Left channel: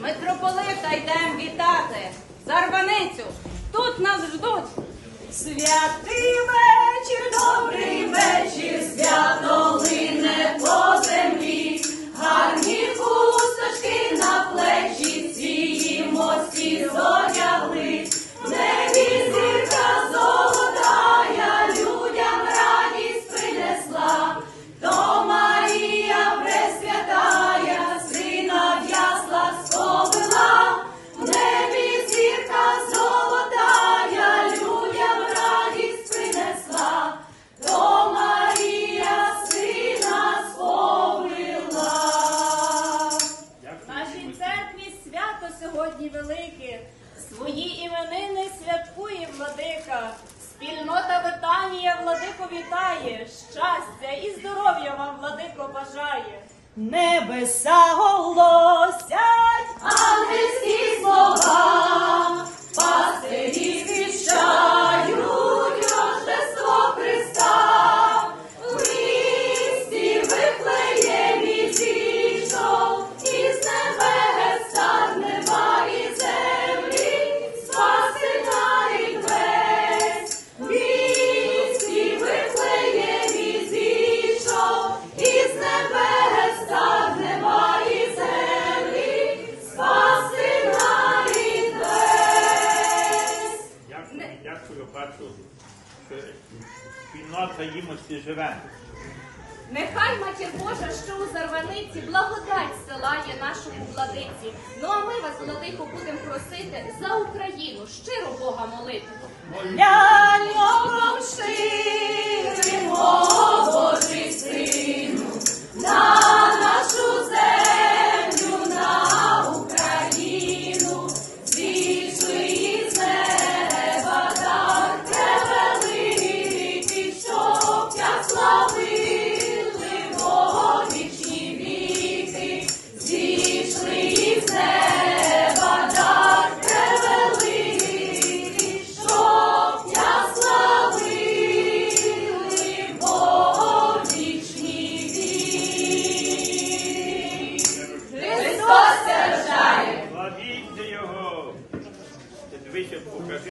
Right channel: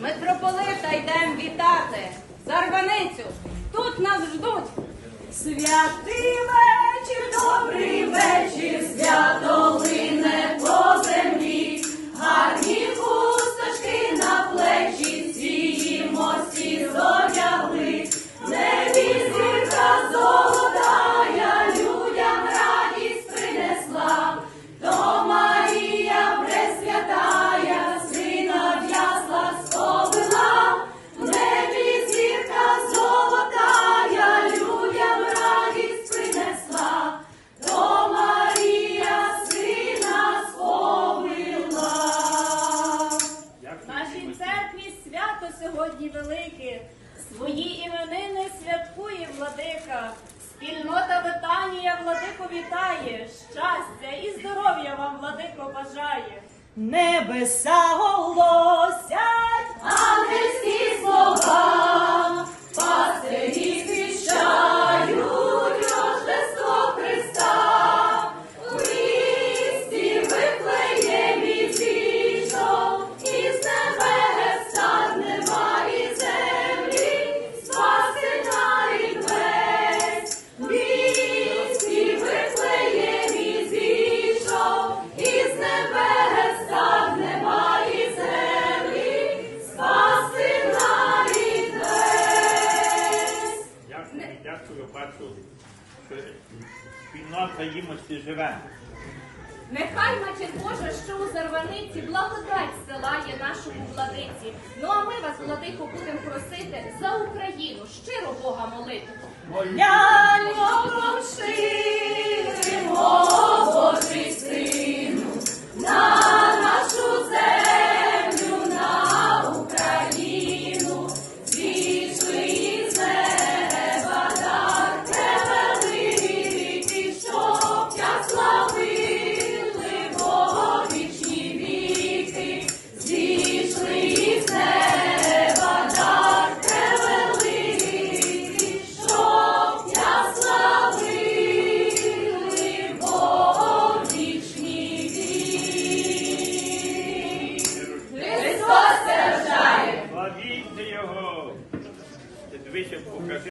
Митрополита йдемо вітати. Зарваницю, тут нас ждуть. Святий вечір, добрий вечір, сьогодні велике. Свої іменини святкує владика. Спільнота Витанія владико вітає. Щастя і здоров'я вам владико бажає. Небеса голосять, ангельські що спільнота їмості живе. Нехай матір Божа, що у зарваниці, благодать силає нашому владиці. Ну а ми вас, владико, будемо просити за Україну щиро Бога молити. beneficio.